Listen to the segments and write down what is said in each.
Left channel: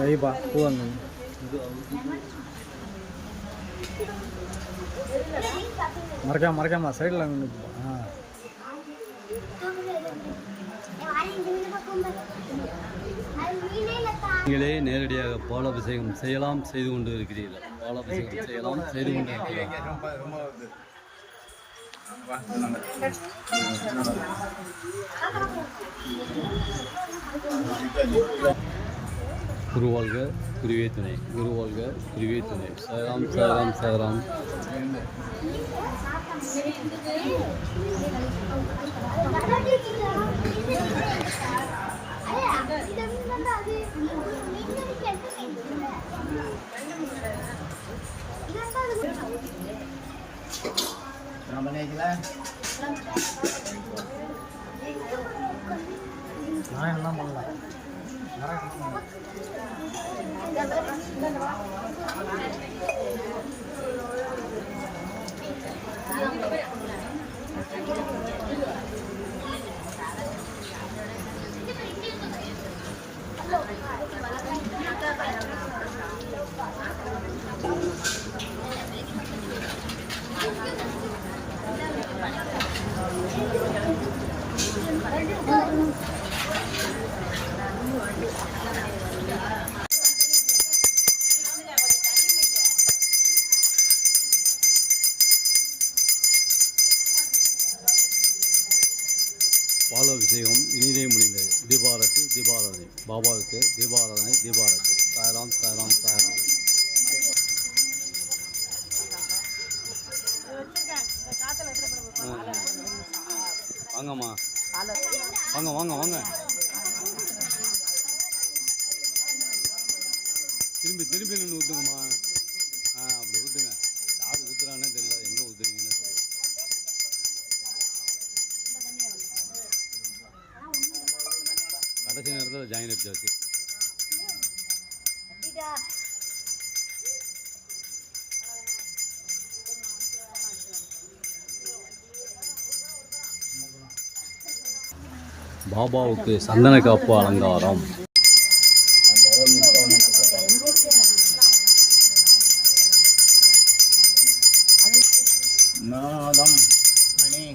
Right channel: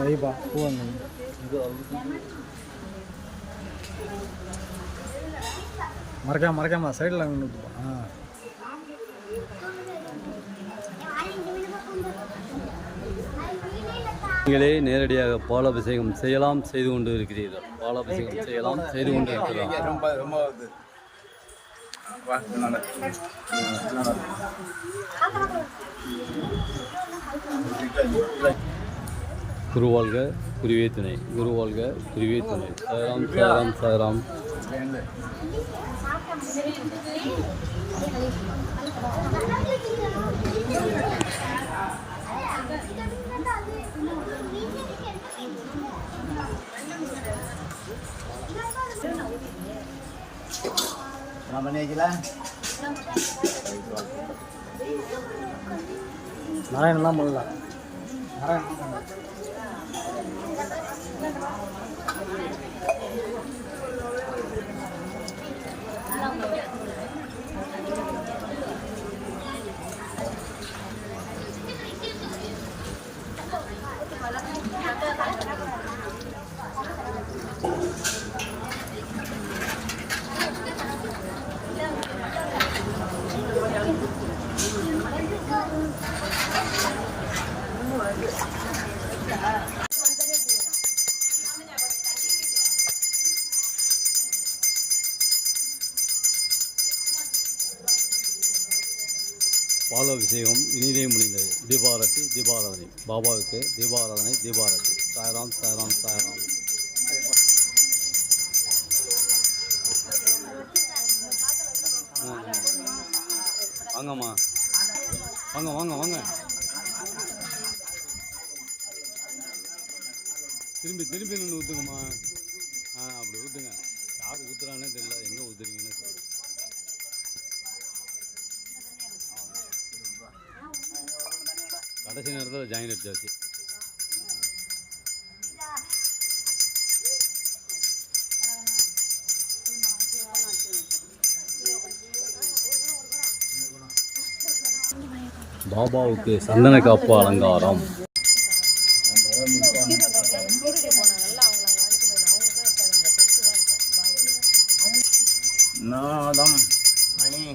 வைப்பா பூவாங்க மறக்காம சைடில் நின்றுப்பா. நீங்களே நேரடியாக பாலாபிஷேகம் செய்யலாம், செய்து கொண்டு இருக்கிறீர்கள். பாலாபிஷேகம் செய்யலாம், செய்து கொண்டு இருக்கிறார். குருவாழ்க குருவே துணை, குருவாழ்க குருவே துணை. சாய்ராம் சாய்ராம் சாய்ராம். நாராயணெலாம் போகலாம். பாலாபிஷேகம் இனிதே முடிந்தது. தீபாரத்தி தீபாராதனை. பாபாவுக்கு தீபாராதனை தீபாரத்தி. சாய்ராம் சாய்ராம் சாய்ராம். வாங்கம்மா, வாங்க வாங்க வாங்க. திரும்பி திரும்பி நின்று ஊற்றுங்கம்மா. அப்படி ஊற்றுங்க. யார் ஊற்றுறானே தெரியல, எங்கே ஊற்றுறீங்கன்னு தெரியல. கடைசி நேரத்தில் ஜாயின் அடிச்சாச்சு. பாபாவுக்கு சந்தன காப்பு அலங்காரம்.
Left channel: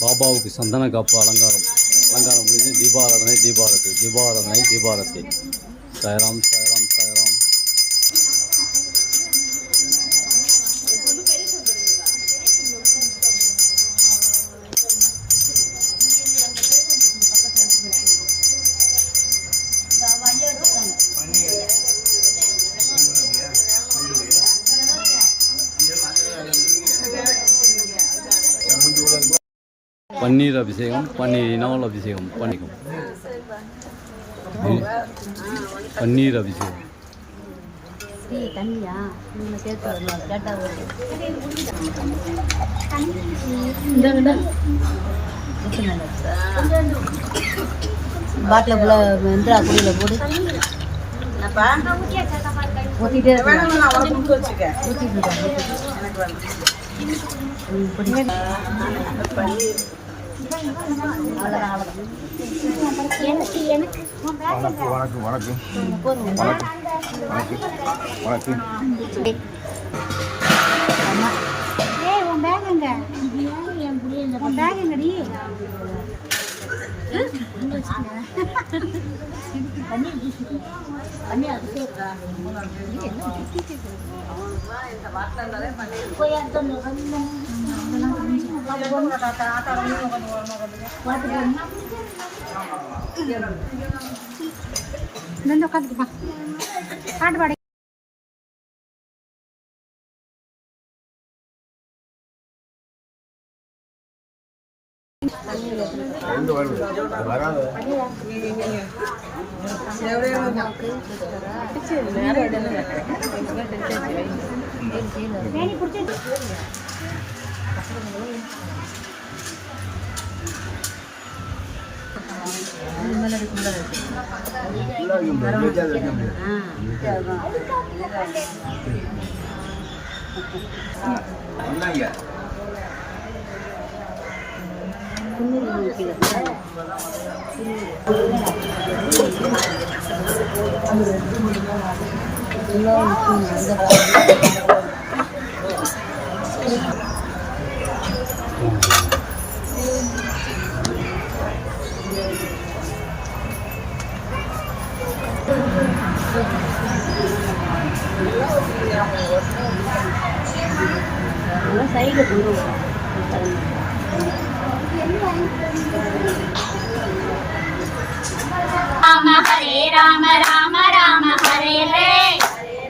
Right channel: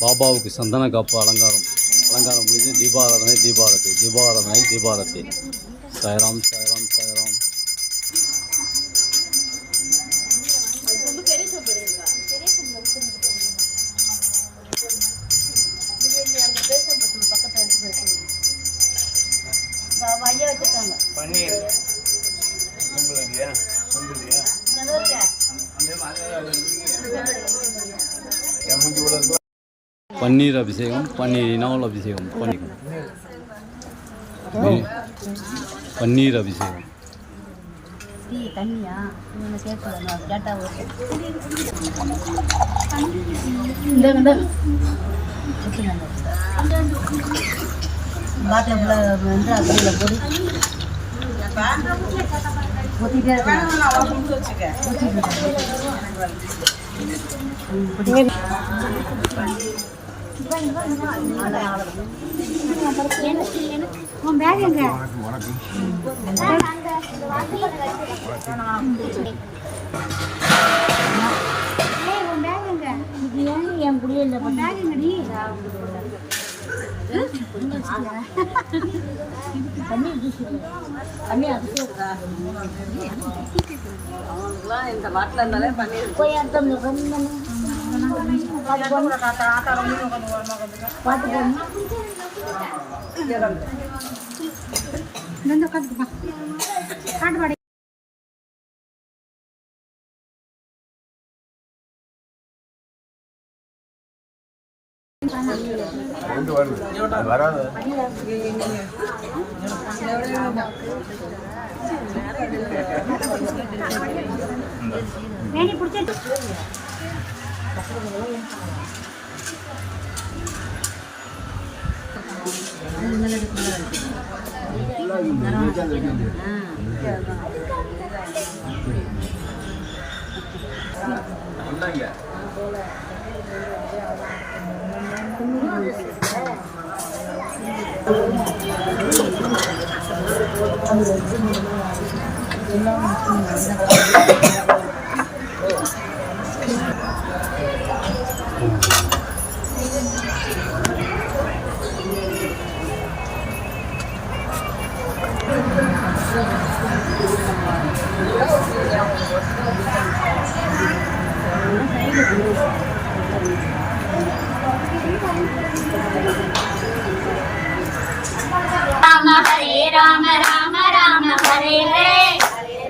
பாபாவுக்கு சந்தன காப்பு அலங்காரம் முடிஞ்சு தீபாராதனை தீபாரத்தி. தீபாராதனை தீபாரத்தி. சாய்ராம் சாய்ராம் சாய்ராம். பன்னீர் அபிஷேகம், பன்னீரினால் அபிஷேகம் பண்ணிக்கும். பன்னீர் அபிஷேகம். பாட்டில் வந்து அப்படியில் போடு. ஊற்றிட்டே பாட்டு பாடி வருது. அது வராது.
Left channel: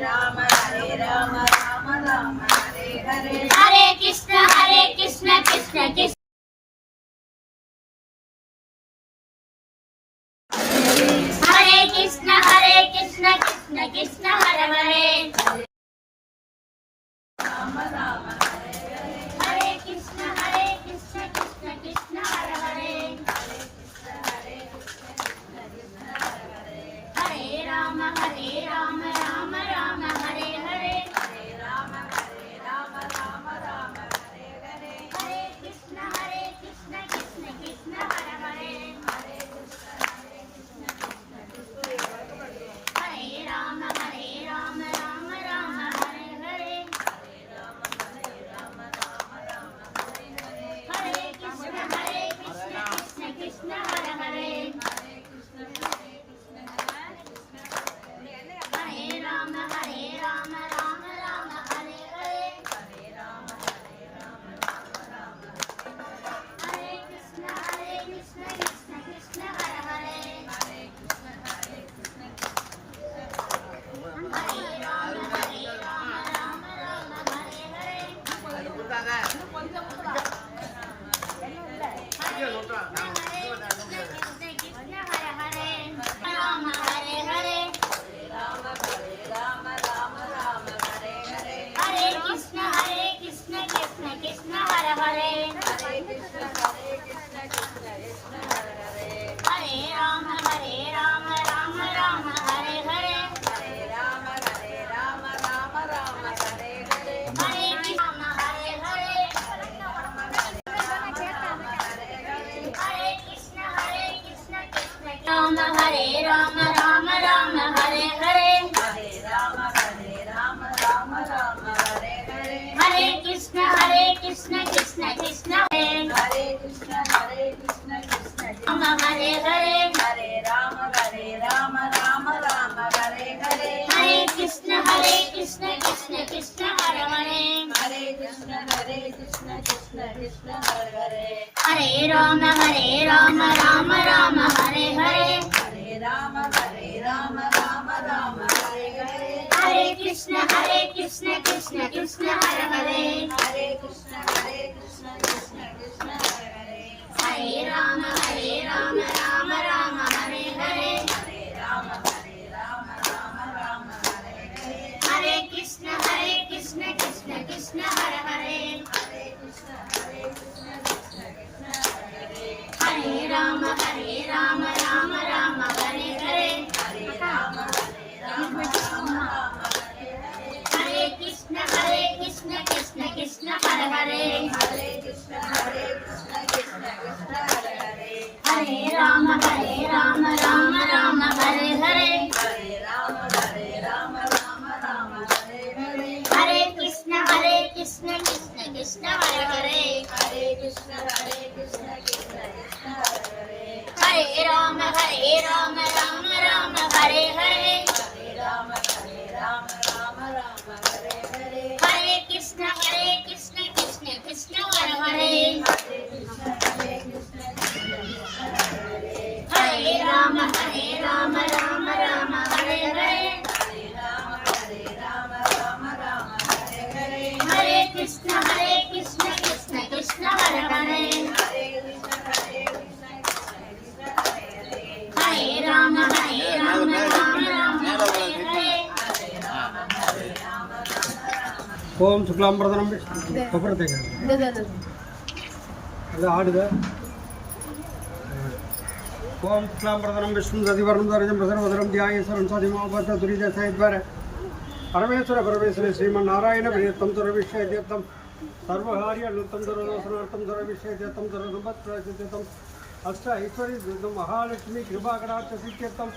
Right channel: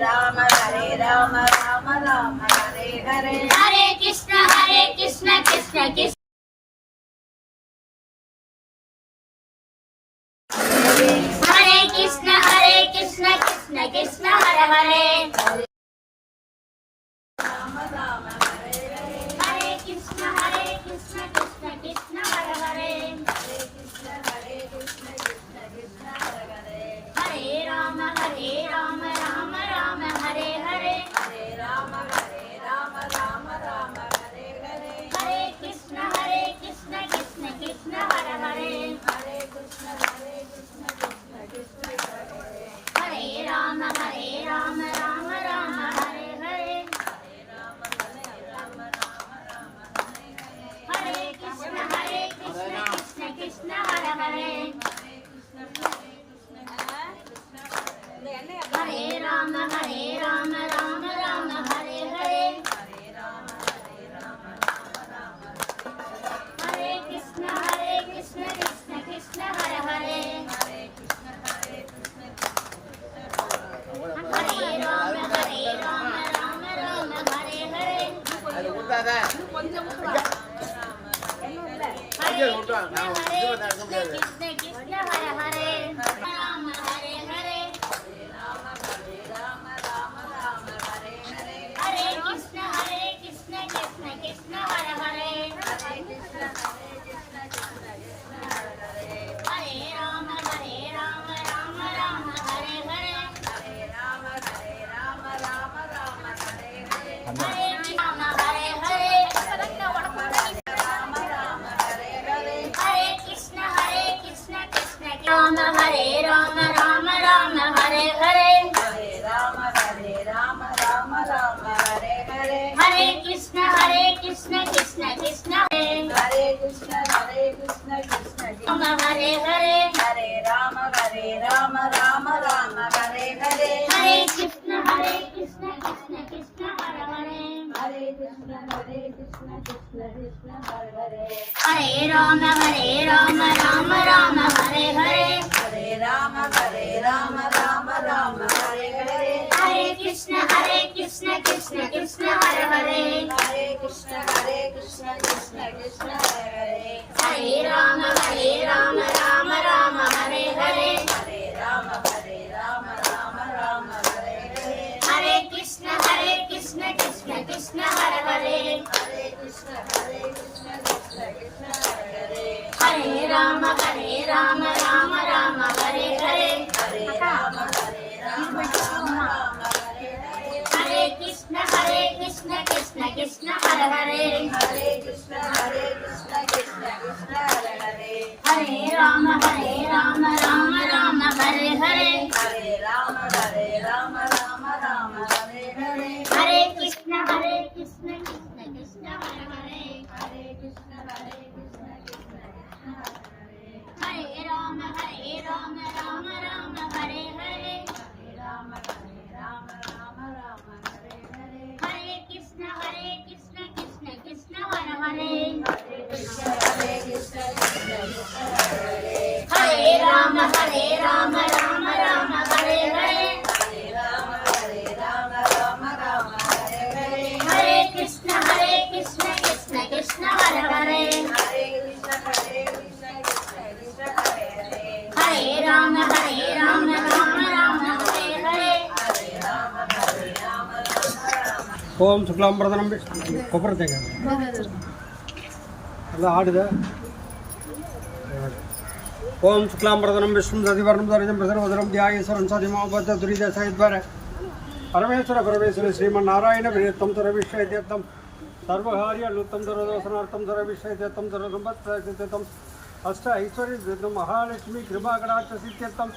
राम हरे राम राम राम हरे हरे हरे कृष्ण कृष्ण कृष्ण हरे कृष्ण कृष्ण कृष्ण हरे हरे हरे कृष्ण कृष्ण कृष्ण हरे हरे हरे राम राम राम हरे हरे हरे कृष्ण कृष्ण कृष्ण हरे हरे हरे राम राम राम हरे हरे हरे कृष्ण कृष्ण कृष्ण हरे हरे हरे राम राम राम हरे हरे हरे कृष्ण कृष्ण कृष्ण हरे हरे हरे राम राम हरे हरे कृष्ण हरे हरे राम हरे हरे हरे कृष्ण कृष्ण हरे हरे हरे राम राम राम हरे हरे हरे कृष्ण हरे कृष्ण राम हरे राम राम हरे हरे हरे कृष्ण कृष्ण कृष्ण हरे राम हरे हरे हरे कृष्ण कृष्ण कृष्ण हरे हरे हरे राम राम हरे हरे हरे कृष्ण कृष्ण कृष्ण हरे हरे हरे राम राम हरे हरे हरे कृष्ण कृष्ण कृष्ण हरे हरे हरे राम राम हरे हरे हरे कृष्ण कृष्ण कृष्ण हरे हरे हरे राम राम हरे हरे हरे कृष्ण कृष्ण कृष्ण हरे हरे हरे राम राम हरे हरे हरे कृष्ण कृष्ण कृष्ण हरे हरे हरे राम राम हरे हरे हरे कृष्ण कृष्ण कृष्ण हरे हरे हरे राम राम हरे हरे ஓம் சுக்லாம் பிரதனம் கொப்பரத்தேங்க எல்லாம் ஆடுத ஓம் சுக்லாம் பிரதனம் விஷ்ணு சதிவர்ணம் தரிஜம் பிரசரவதரம் தியாகேஸ்வரம் சதிமாபத்த துரிதசயத்வர பரமேஸ்வர ஸ்ரீமன் நாராயண பிரியத்தம் துரவிஷயத்தம் சர்வகாரிய அலுத்தம் துரதோசனார்த்தம் துரவிஷயத்தம் துரதம்பத் பிரசித்தம் अष्ट ऐश्वर्य सिद्धम महालक्ष्मी कृपा कटाक्ष सिद्ध्यर्थम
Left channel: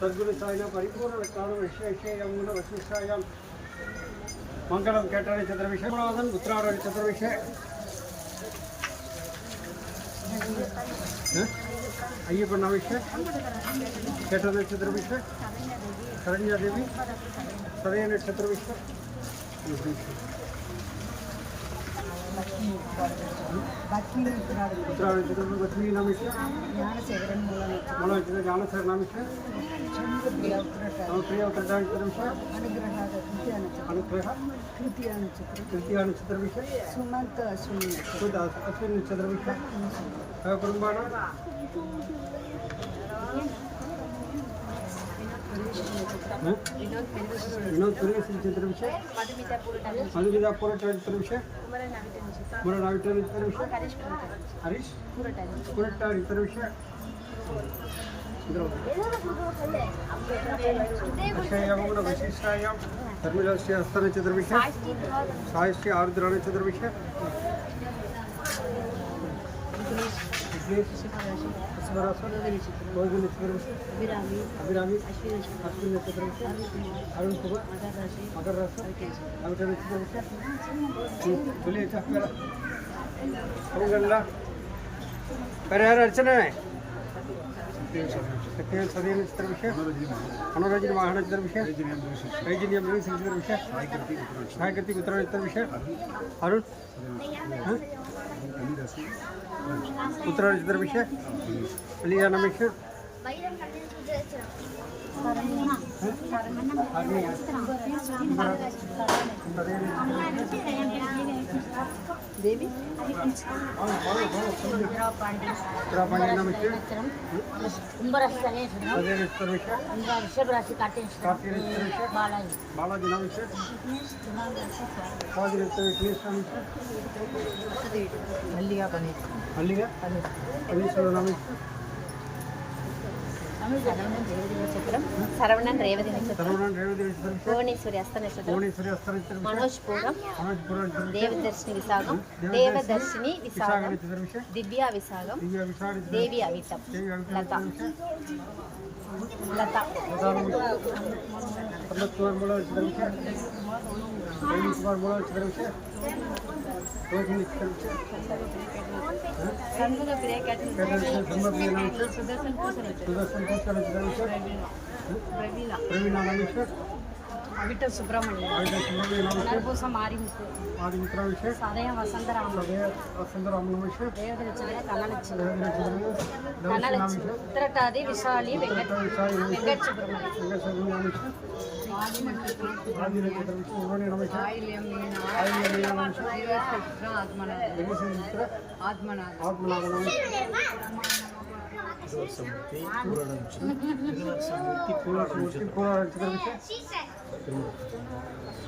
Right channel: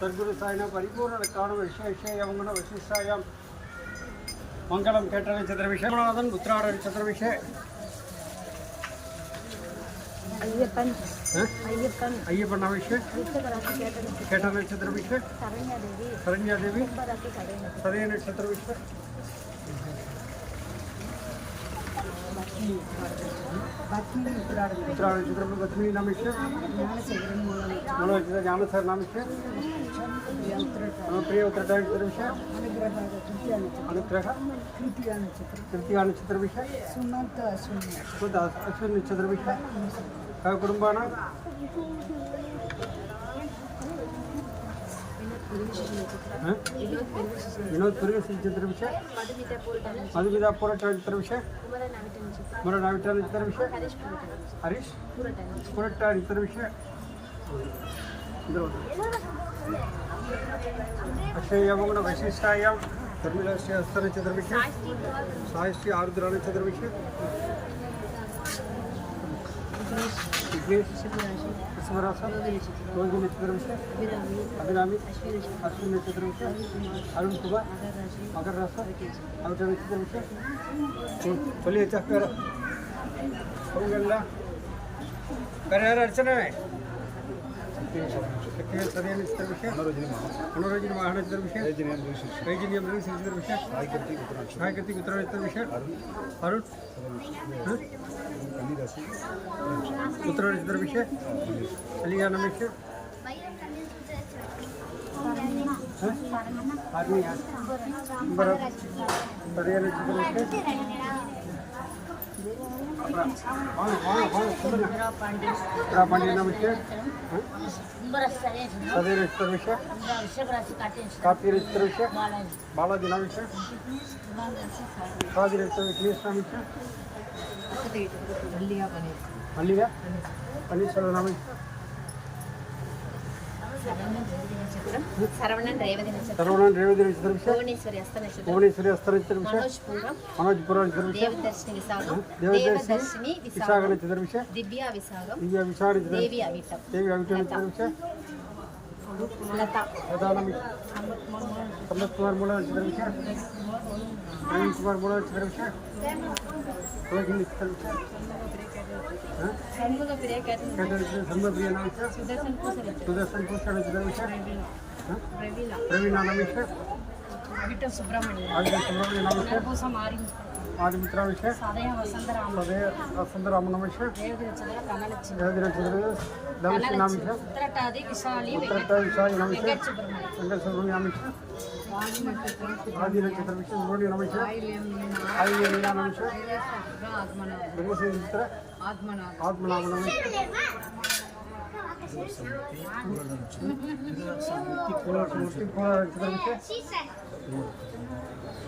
सद्गुरु साईना परिपूर्ण काण विशेषेयं वशिष्ठायां मंगलम केट नक्षत्र विषयनाथन उत्तरायण नक्षत्र विषय अय्यप्पन विषय केट नक्षत्र विषय शरण्या देवी सदय नक्षत्र विषय उत्तरायण नक्षत्र लक्ष्मी नाम विषय ज्ञानसर नाम विषय प्रिय उत्तरायण नक्षत्र विषय अनुग्रह तृतीया नक्षत्र विषय सुमंत अश्विन नक्षत्र विषय कुटुंबान विनोद सुरेश नक्षत्र विषय मधुमिता पोराट नक्षत्र विषय मरण नाविटा नक्षत्र विषय हरीश पोराट नक्षत्र विषय अक्षय वैशिष्टायां धर्मिराष्ट्रीय हस्त नक्षत्र विषय साहिष्टी आरुद्र नक्षत्र विषय रोहिणी नक्षत्र विषय अभिरामी अश्विन नक्षत्र विषय अरुण कुमार मकर राशि अमिता नक्षत्र विषय बोलिए चक्कर अर्चना सदय नक्षत्र विषय मनोरंजन महानक्षत्र विषय रैजन्यम नक्षत्र विषय साई कृति उत्तर नक्षत्र विषय अरुण उत्तर नक्षत्र विषय अलिया नाम विषय सदय नक्षत्र विषय पांडे नाम विषय सदय नक्षत्र विषय कार्तिक नक्षत्र विषय बालाजी नाम विषय स्वाति नक्षत्र विषय नाम विषय मल्लिका पनीश्वर नाम विषय सरवणन रेवती नक्षत्र भुवनेश्वरी हस्त नक्षत्र मनोज पुराण देवदर्शिनी विशाखम दिव्या विशाखम देवी अवितम लता अमृत कुमार मोला नक्षत्र विषय प्रवीण कुमार मोला नक्षत्र विषय रोहिणी नक्षत्र विषय संभप्रिय नाम विषय सुदर्शन पुष्कर नक्षत्र विषय प्रवीण नाम विषय अविटल सुब्रमण्य नाम विषय आदिमित्रा विषय सदय वसंतराम नाम विषय देवदी नक्षत्र धनलक्ष्मी धनलक्ष्मी नाम विषय उत्तरटादी विशाली विशाल नाम विषय सुब्रमण्य नाम विषय आदि नक्षत्र विषय रोहिणी नाम विषय आइलियम मीना नाम विषय आत्मनाभ नाम विषय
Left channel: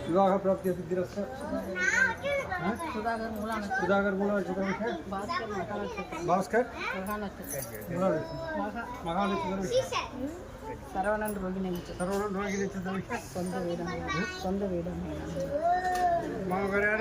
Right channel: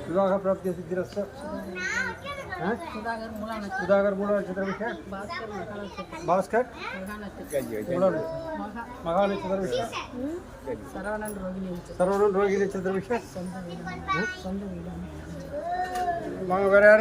विवाह प्राप्ति सिद्धिरस्त सुधाकर मूला नक्षत्र विषय भास्कर महानक्षत्र विषय सरवणन रोहिणी नक्षत्र विषय சொந்த வீடு வேற